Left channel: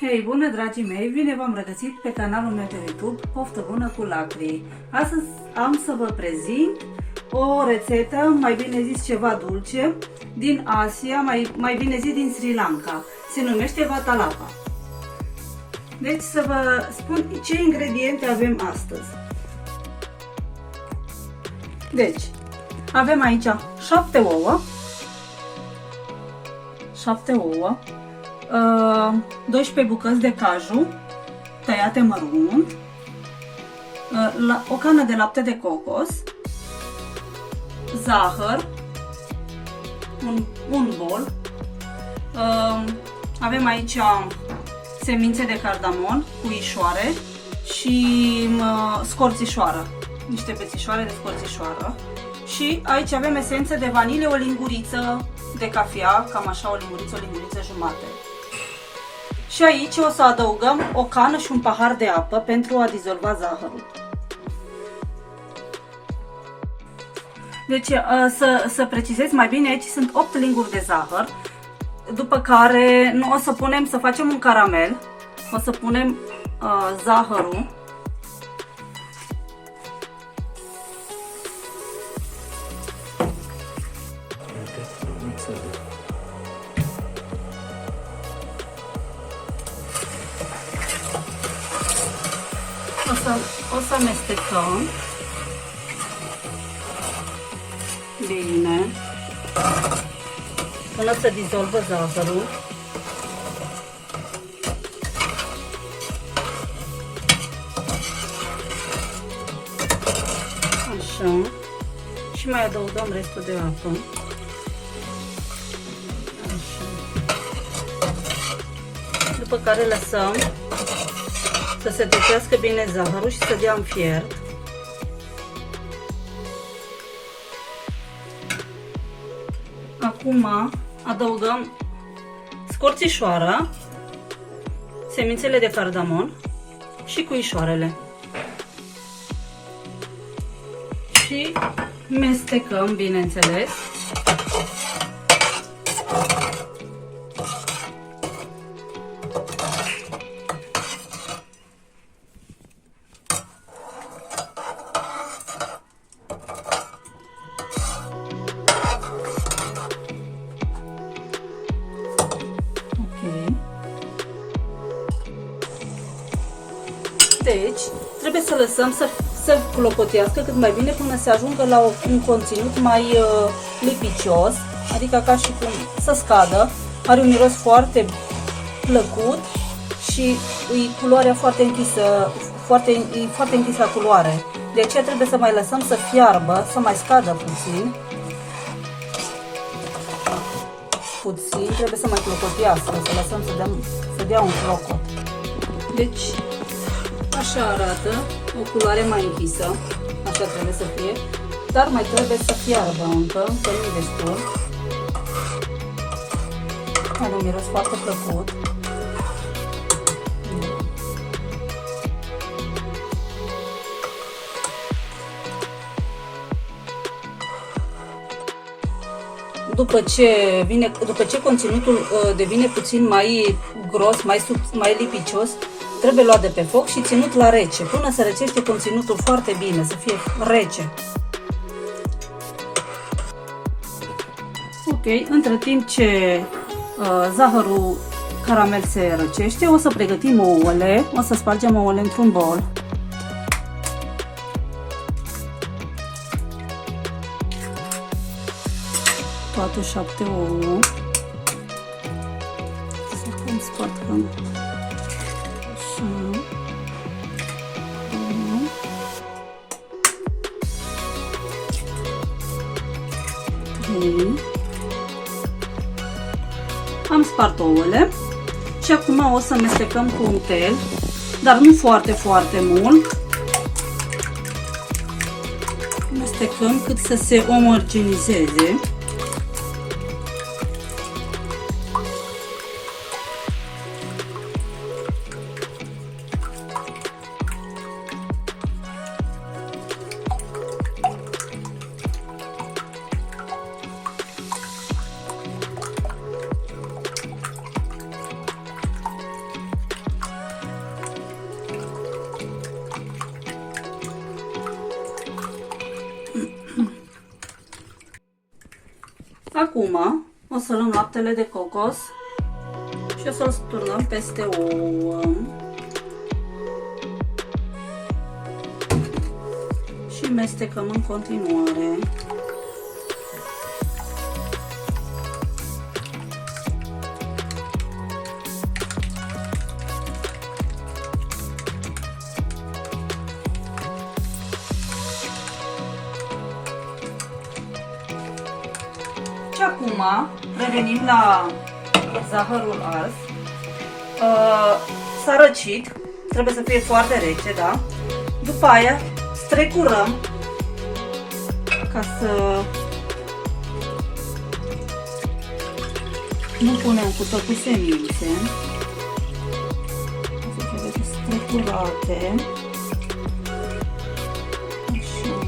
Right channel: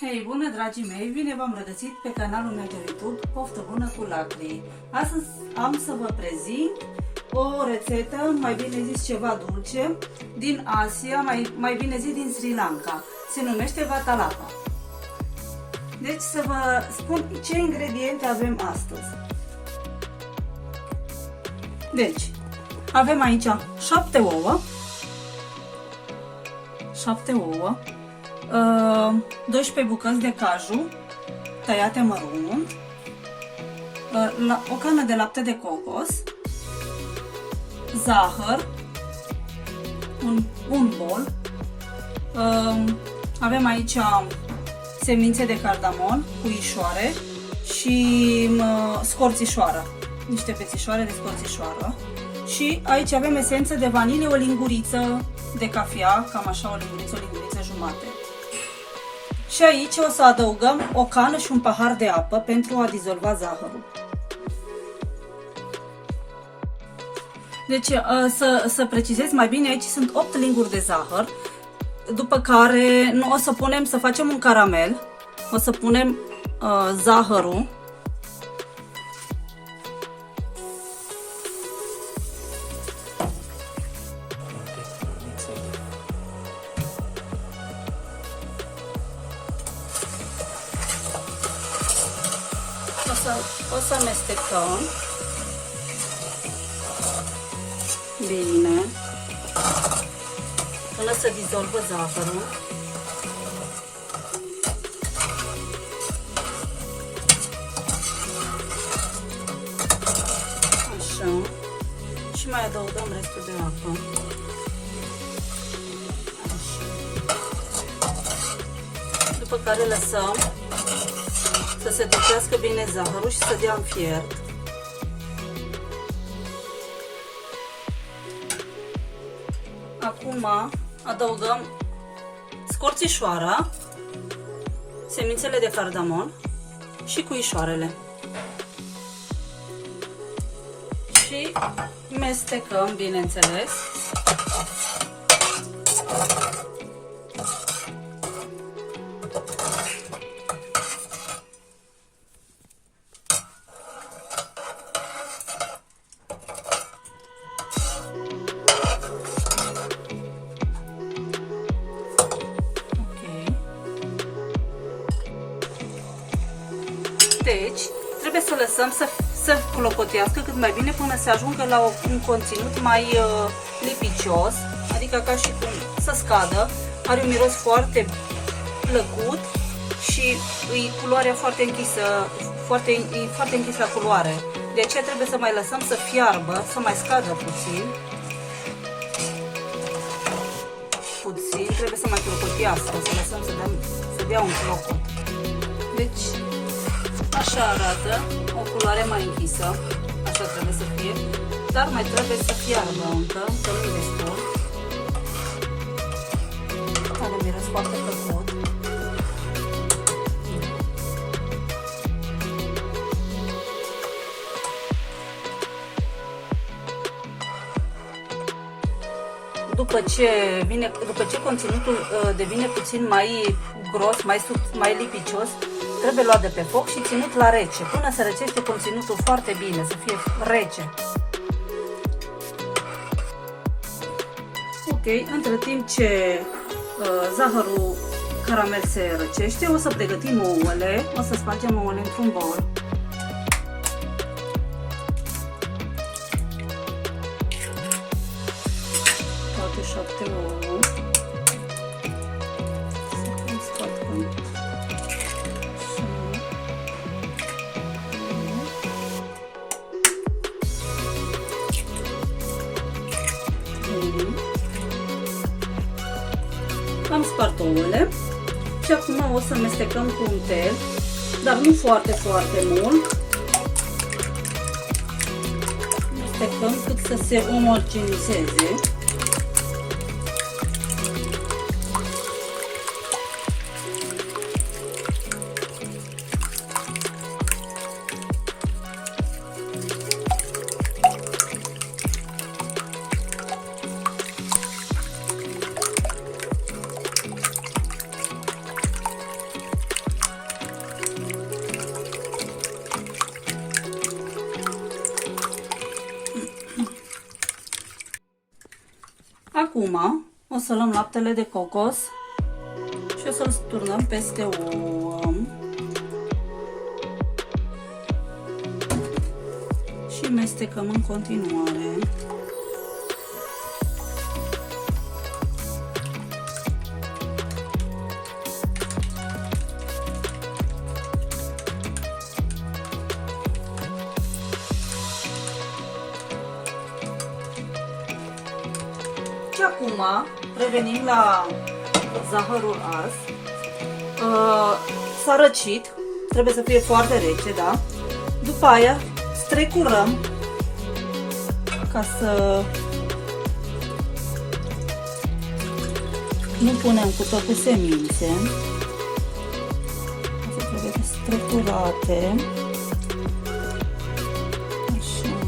Hei, bună dragii mei! Bine v-am regăsit pe canalul meu de YouTube Poftă Bună cu Lacri. Astăzi am să vă prezint o rețetă, mai bine zis ceva dulce, din Asia, mai bine zis din Sri Lanka. Se numește Vatalapa. Deci să vă spun ce ingrediente avem astăzi. Deci, avem aici 7 ouă, 12 bucăți de caju tăiate mărunt, o cană de lapte de cocos, zahăr, un bol, avem aici semințe de cardamon, puișoare și scorțișoară, niște pețișoare de scorțișoară, și aici avem esență de vanilie, o linguriță de cafea, cam așa, o linguriță jumate. Și aici o să adăugăm o cană și un pahar de apă pentru a dizolva zahărul. Deci, să precizez mai bine, aici sunt 8 linguri de zahăr, după care o să facem un caramel, o să punem zahărul, o să amestecăm bine până să dizolvă zahărul. Așa. Și mai adăugăm restul de apă. Așa. După care lăsăm să se topească bine zahărul și să dea în fiert. Acum adăugăm scorțișoara, semințele de cardamon și puișoarele. Și mestecăm, bineînțeles. Deci, trebuie să lăsăm să clopotească cât mai bine până să ajungă la un conținut mai lipicios, adică ca și cum să scadă. Are un miros foarte plăcut și culoarea foarte închisă, foarte închisă la culoare. De aceea trebuie să mai lăsăm să fiarbă, să mai scadă puțin. Trebuie să mai clopotească, să lăsăm să dea un clocot. Deci, așa arată, o culoare mai închisă, așa trebuie să fie, dar mai trebuie să fiarbă încă nu destul. Are un miros foarte plăcut. După ce conținutul devine puțin mai gros, mai lipicios, trebuie luat de pe foc și ținut la rece, până se răcește conținutul foarte bine, să fie rece. Ok, între timp ce zahărul caramel se răcește, o să pregătim ouăle, o să spargem ouăle într-un bol. Toate 7 ouă. Să cum spargem. Am spart ouăle și acum o să mestecăm cu un tel, dar nu foarte mult. Mestecăm cât să se omogenizeze. Acum o să luăm laptele de cocos și o să-l turnăm peste ouă. Și mestecăm în continuare. Și acum revenim la zahărul ars. S-a răcit, trebuie să fie foarte rece, da? După aia strecurăm ca să nu punem cu totul semințe. Asta trebuie strecurate. Așa.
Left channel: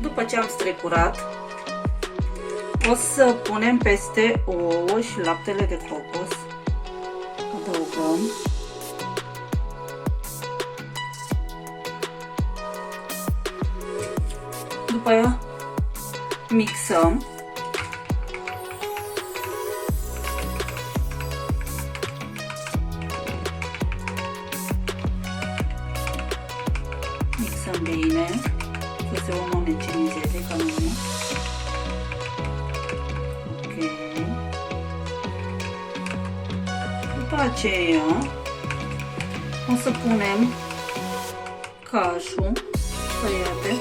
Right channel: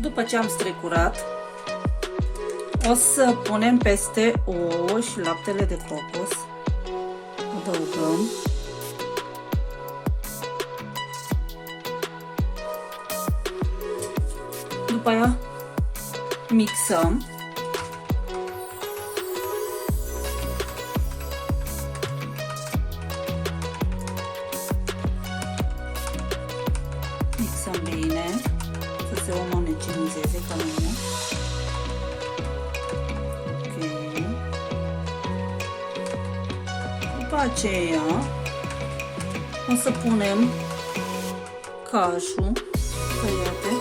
După ce am strecurat, o să punem peste ouă și laptele de cocos. Adăugăm. După aia mixăm. Mixăm bine, să se omogenizeze ca nu. După aceea o să punem cajul tăiate.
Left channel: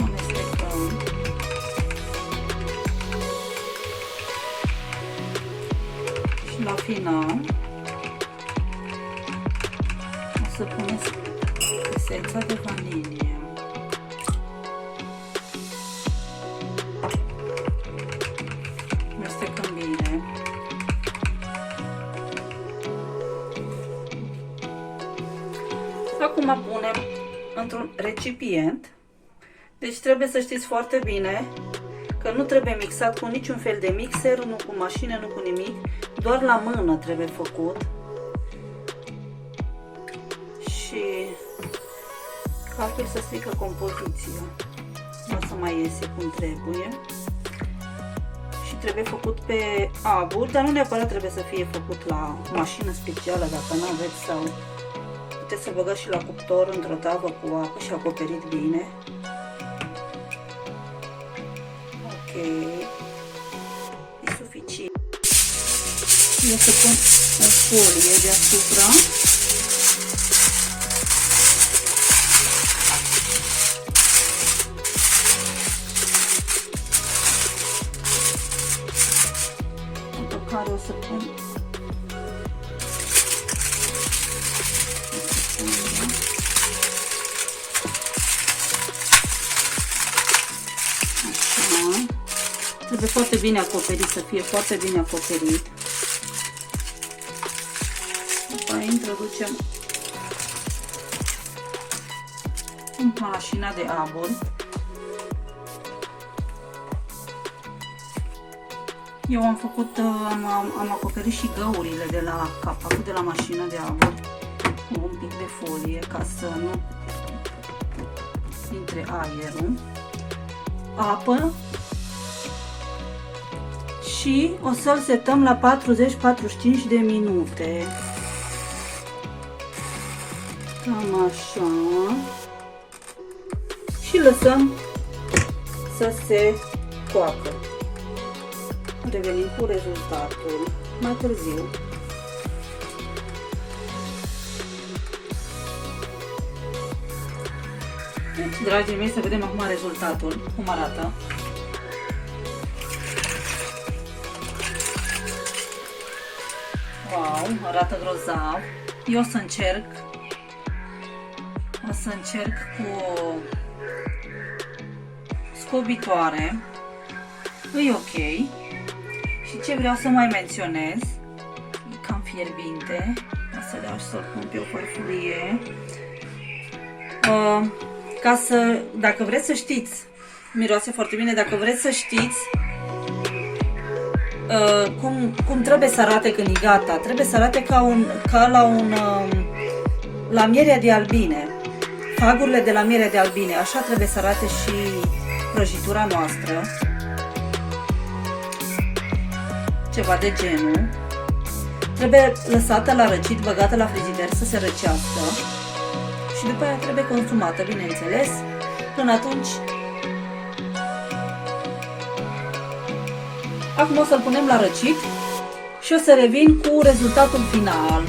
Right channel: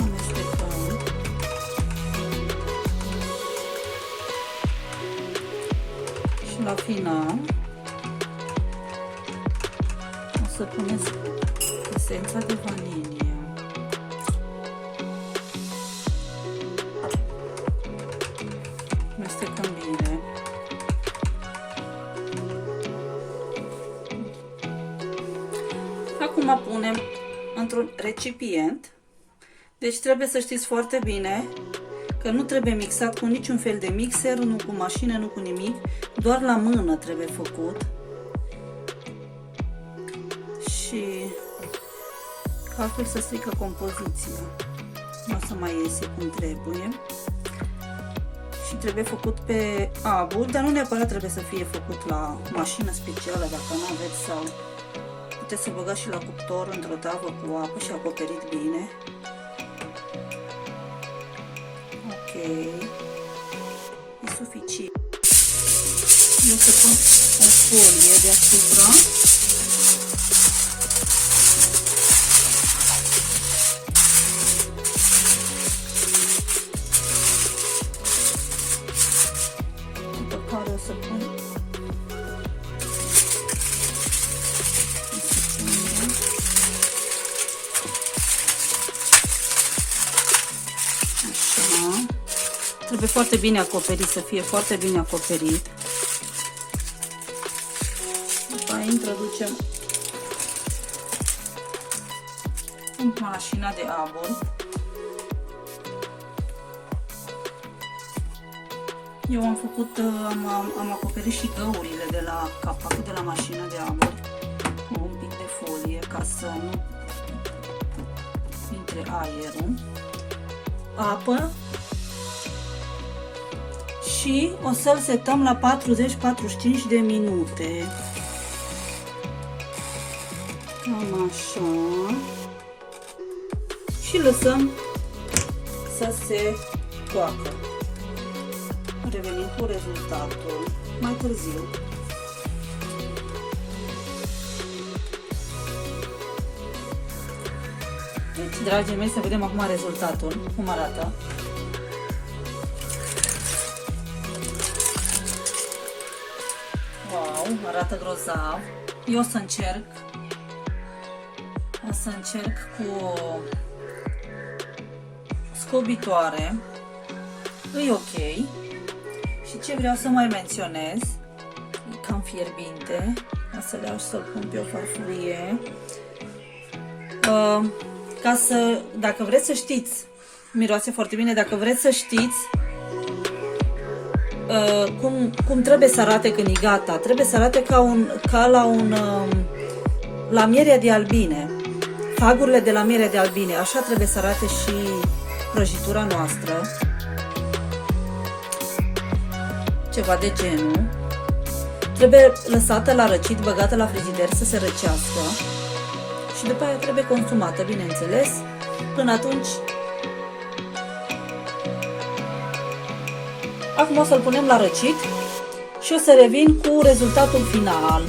Amestecăm. Și la final o să puneți esența de vanilie. Amestecăm bine. Acum punem într-un recipient. Deci trebuie să știți foarte bine că nu trebuie mixat cu niciun fel de mixer, nu cu mașină, nu cu nimic. Doar la mână trebuie făcut. Și altfel să strică compoziția. Nu o să mai iese cum trebuie. Și trebuie făcut pe abur, dar nu neapărat trebuie să fie făcut la mașină specială, dacă nu aveți, sau puteți să băgați și la cuptor într-o tavă cu apă și acoperit bine. Ok, e suficient. Eu să pun o folie deasupra. După care o să pun așa. Trebuie foarte bine acoperit, să fie foarte bine acoperit. După aia introducem în mașina de abur. Eu am făcut, am acoperit și găurile de la capacul de la mașina de abur cu un pic de folie ca să nu intre aerul. Apă și o să-l setăm la 40-45 de minute. Cam așa. Și lăsăm să se coacă. Revenim cu rezultatul mai târziu. Deci, dragii mei, să vedem acum rezultatul, cum arată. Wow, arată grozav. Eu o să încerc. O să încerc cu scobitoare. E ok. Și ce vreau să mai menționez, e cam fierbinte. O să le iau și să-l pun pe o farfurie Dacă vreți să știți, miroase foarte bine, dacă vreți să știți cum trebuie să arate când e gata, trebuie să arate ca la mierea de albine, fagurile de la mierea de albine, așa trebuie să arate și prăjitura noastră, ceva de genul. Trebuie lăsată la răcit, băgată la frigider să se răcească și după aia trebuie consumată, bineînțeles. Până atunci, acum o să-l punem la răcit și o să revin cu rezultatul final.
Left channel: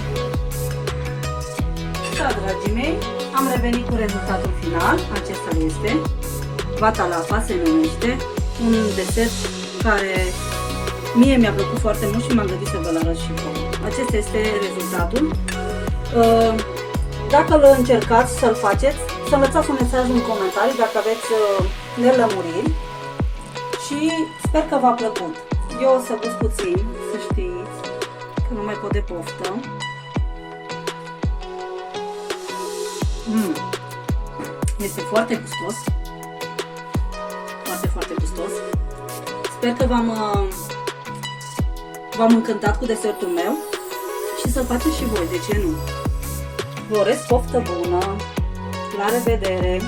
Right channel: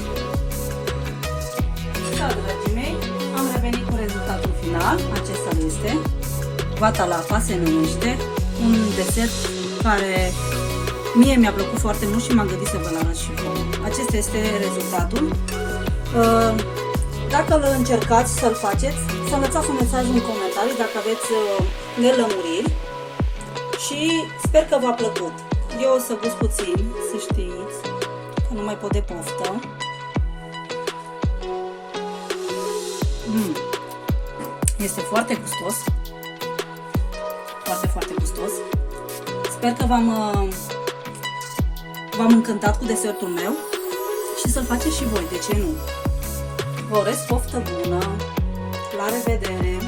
Da, dragii mei, am revenit cu rezultatul final. Acesta este vata la apa, se numește, un desert care mie mi-a plăcut foarte mult și m-am gândit să vă-l arăt și vouă. Acesta este rezultatul. Dacă îl încercați să-l faceți, să-mi lăsați un mesaj în comentarii dacă aveți nelămuriri și sper că v-a plăcut. Eu o să gust puțin, să știți, că nu mai pot de poftă. Este foarte gustos, foarte, foarte gustos. Sper că v-am încântat cu desertul meu și să-l faceți și voi, de ce nu? Vă urez poftă bună, la revedere!